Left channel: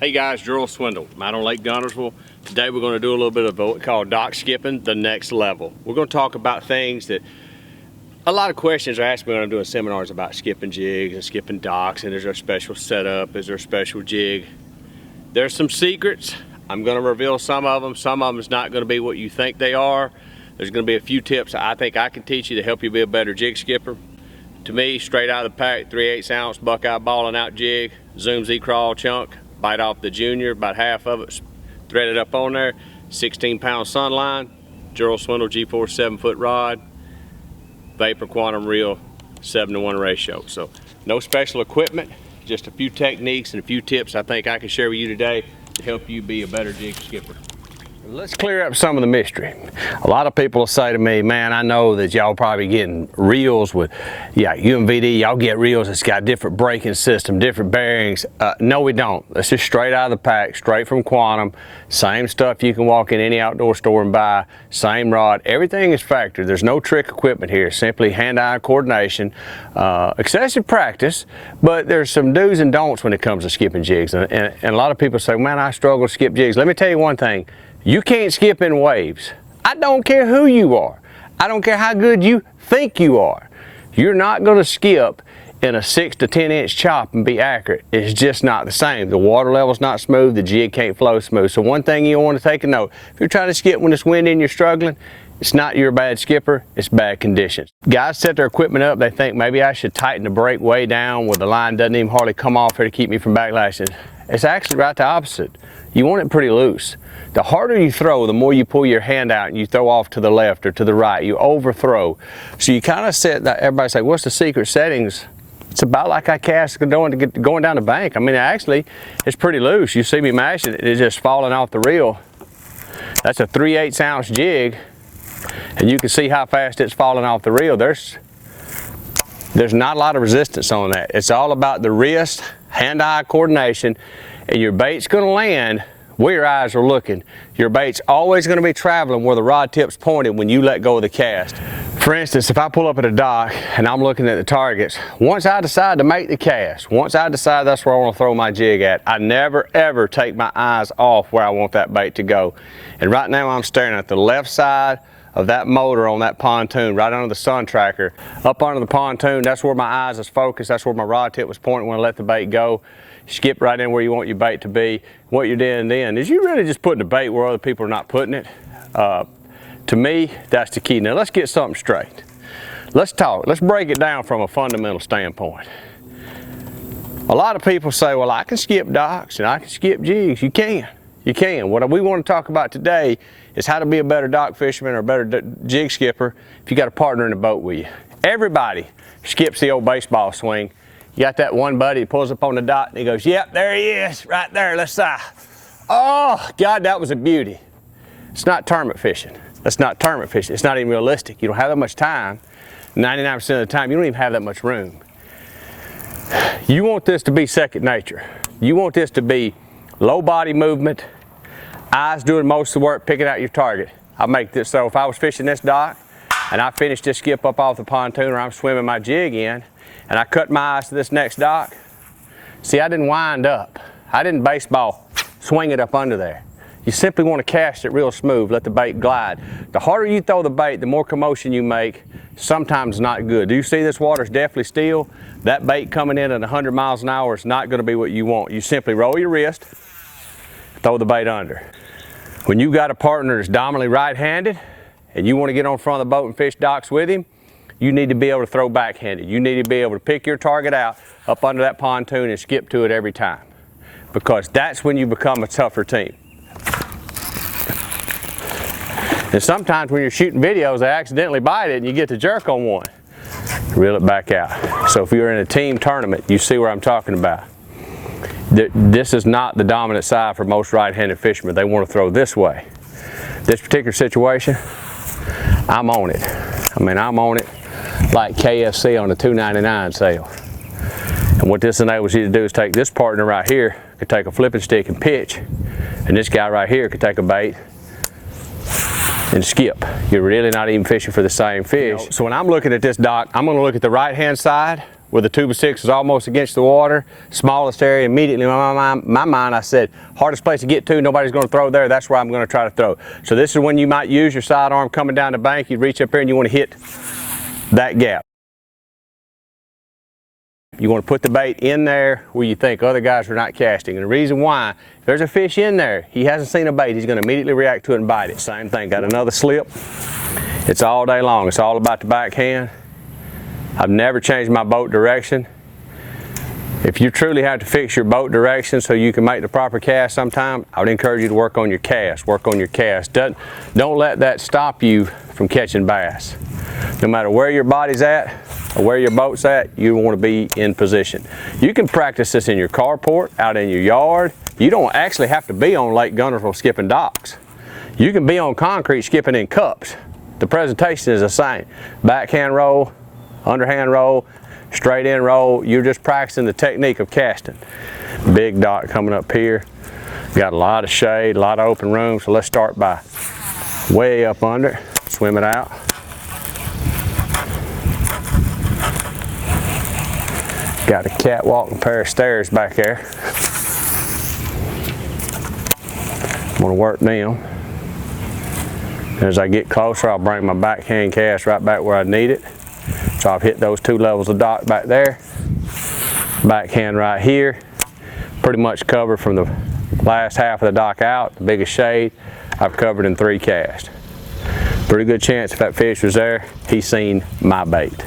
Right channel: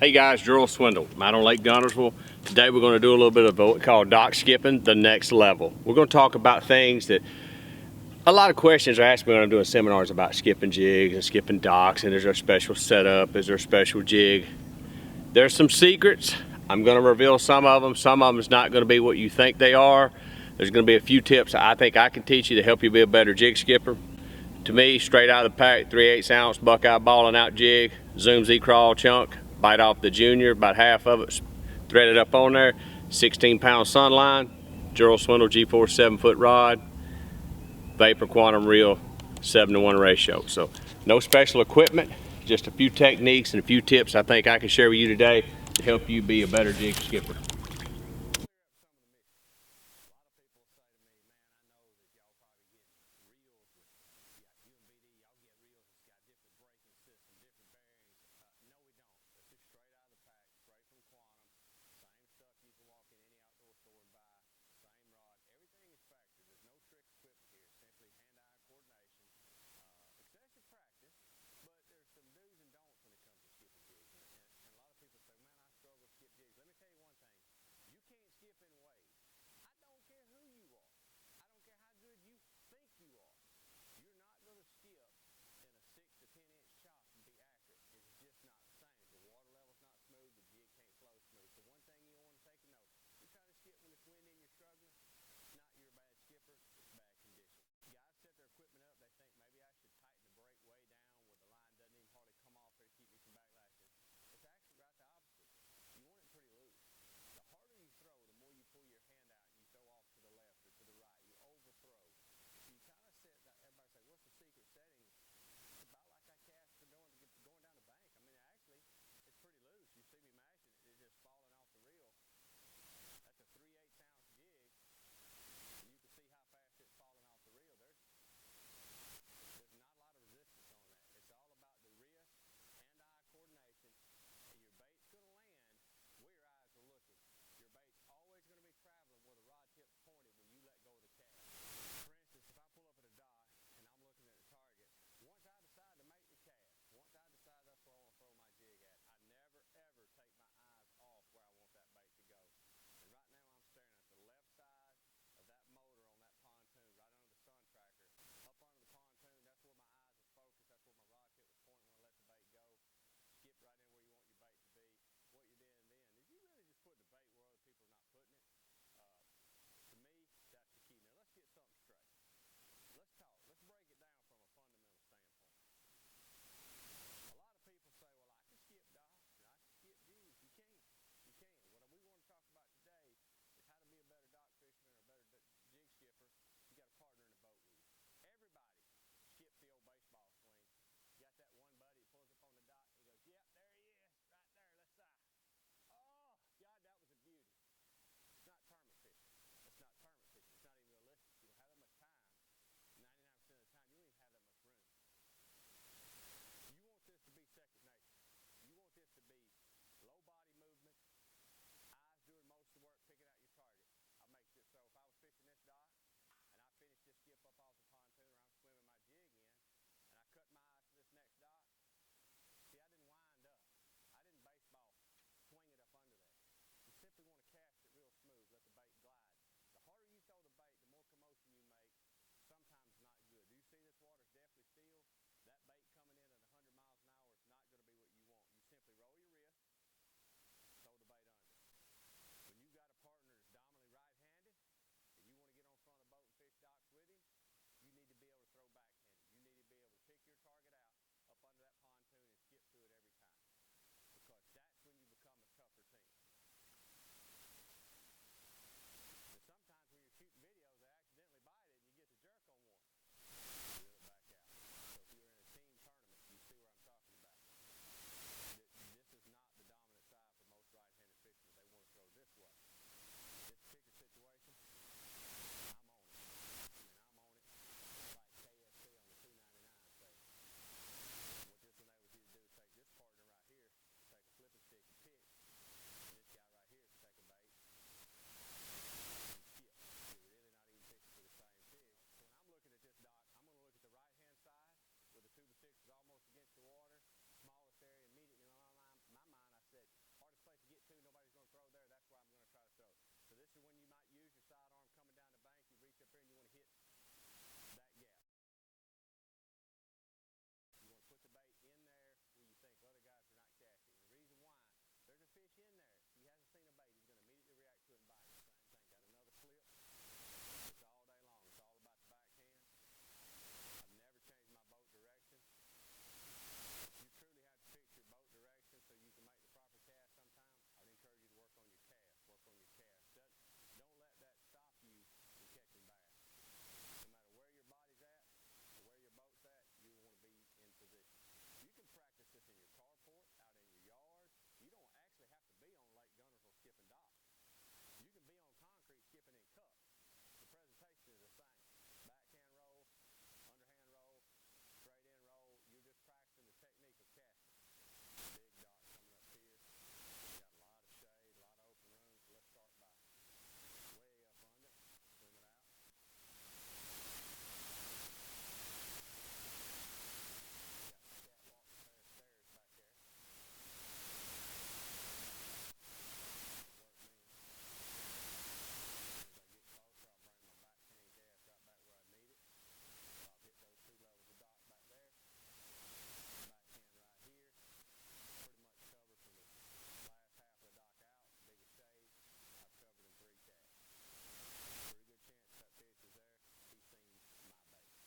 Hey guys, Gerald Swindle. I'm out on Lake Guntersville. Today we're going to do a little bit of what we call dock skipping, the next level. We're going to talk about things that a lot of questions are asked me when I'm doing seminars about skipping jigs and skipping docks, and is there a special setup, is there a special jig? There's some secrets. I'm going to reveal some of them. Some of them is not going to be what you think they are. There's going to be a few tips I think I can teach you to help you be a better jig skipper. To me, straight out of the pack, 3/8 ounce Buckeye balling out jig, Zoom Z-Crawl chunk, bite off the junior, about half of it threaded up on there, 16-pound sunline, Gerald Swindle G4 7-foot rod, vapor quantum reel, 7-to-1 ratio. So no special equipment, just a few techniques and a few tips I think I can share with you today to help you be a better jig skipper. Let's clear up some of the mystery. A lot of people will say to me, man, I know that y'all probably getting reels with, UMVD, y'all get reels that's got different braking system, different bearings. No, we don't. It's just straight out of the pack, straight from Quantum. Same stuff you can walk in any outdoor store and buy, same rod. Everything is factory. There's no trick equipment here, simply hand-eye coordination, excessive practice, but there's some do's and don'ts when it comes to skipping jigs. And a lot of people say, man, I struggle to skip jigs. Let me tell you one thing. You can't skip in waves. I don't care who you are. I don't care how good you think you are. You're not going to skip in a 6 to 10 inch chop and be accurate. It's just not the same. The water level's not smooth. The jig can't flow smooth. So one thing you want to take a note, if you're trying to skip when it's windy and you're struggling, it's not you're a bad skipper, it's bad conditions. Guys set their equipment up, they think maybe I should tighten the brake way down where the line doesn't even hardly come off here to keep me from backlashing. It's actually right the opposite. You want it pretty loose. The harder you throw, the more you pull your hand out and you throw off to the left or to the right. You overthrow. So you kind of set that, everybody say, what's the secret settings? It's about like I cast going down the bank. I mean, actually, it's pretty loose. You see me mashing it, it's just falling off the reel. That's a 3/8 ounce jig, and you can see how fast it's falling off the reel. There's not a lot of resistance on that. It's all about the wrist, hand-eye coordination, and your bait's gonna land where your eyes are looking. Your bait's always gonna be traveling where the rod tip's pointed when you let go of the cast. For instance, if I pull up at a dock and I'm looking at the targets, once I decide to make the cast, once I decide that's where I wanna throw my jig at, I never ever take my eyes off where I want that bait to go. And right now I'm staring at the left side of that motor on that pontoon, right under the sun tracker. Up under the pontoon, that's where my eyes is focused, that's where my rod tip was pointing when I let the bait go. Skip right in where you want your bait to be. What you're doing then is you're really just putting the bait where other people are not putting it. To me, that's the key. Now let's get something straight. Let's talk. Let's break it down from a fundamental standpoint. A lot of people say, well, I can skip docks and I can skip jigs. You can. You can. What we want to talk about today is how to be a better dock fisherman or a better jig skipper if you got a partner in the boat with you. Everybody skips the old baseball swing. You got that one buddy that pulls up on the dock and he goes, yep, there he is, right there, let's oh, God, that was a beauty. It's not tournament fishing. That's not tournament fishing. It's not even realistic. You don't have that much time. 99% of the time, you don't even have that much room. You want this to be second nature. You want this to be low body movement, eyes doing most of the work, picking out your target. I make this, so if I was fishing this dock and I finished this skip up off the pontoon or I'm swimming my jig in, and I cut my eyes to this next dock, see, I didn't wind up. I didn't baseball swing it up under there. You simply want to cast it real smooth, let the bait glide. The harder you throw the bait, the more commotion you make, sometimes not good. Do you see this water's definitely still? That bait coming in at 100 miles an hour is not going to be what you want. You simply roll your wrist, throw the bait under. When you got a partner that's dominantly right-handed, and you want to get on front of the boat and fish docks with him, you need to be able to throw backhanded. You need to be able to pick your target out up under that pontoon and skip to it every time, because that's when you become a tougher team. And sometimes when you're shooting videos, they accidentally bite it and you get the jerk on one. Reel it back out. So if you're in a team tournament, you see where I'm talking about. This is not the dominant side for most right-handed fishermen. They want to throw this way. This particular situation, I'm on it. I mean, I'm on it like KFC on a $2.99 sale. And what this enables you to do is take this partner right here, could take a flipping stick and pitch, and this guy right here could take a bait and skip. You're really not even fishing for the same fish. So when I'm looking at this dock, I'm going to look at the right-hand side where the tube of 6 is almost against the water, smallest area. Immediately in my mind, I said, hardest place to get to, nobody's going to throw there, that's where I'm going to try to throw. So this is when you might use your sidearm coming down the bank. You reach up here and you want to hit that gap. You want to put the bait in there where you think other guys are not casting. And the reason why, if there's a fish in there, he hasn't seen a bait, he's going to immediately react to it and bite it. Same thing, got another slip. It's all day long. It's all about the backhand. I've never changed my boat direction. If you truly have to fix your boat direction so you can make the proper cast sometime, I would encourage you to work on your cast. Work on your cast. Don't let that stop you from catching bass. No matter where your body's at or where your boat's at, you want to be in position. You can practice this in your carport, out in your yard. You don't actually have to be on Lake Guntersville skipping docks. You can be on concrete skipping in cups. The presentation is the same. Backhand roll, underhand roll, straight in roll. You're just practicing the technique of casting. Big dock coming up here. Got a lot of shade, a lot of open room, so let's start by way up under, swim it out. Got a catwalk and a pair of stairs back there. I'm gonna work them. As I get closer, I'll bring my backhand cast right back where I need it. So I've hit those 2 levels of dock back there. Backhand right here. Pretty much covered from the last half of the dock out, the biggest shade, I've covered in 3 casts. Pretty good chance if that fish was there, he's seen my bait.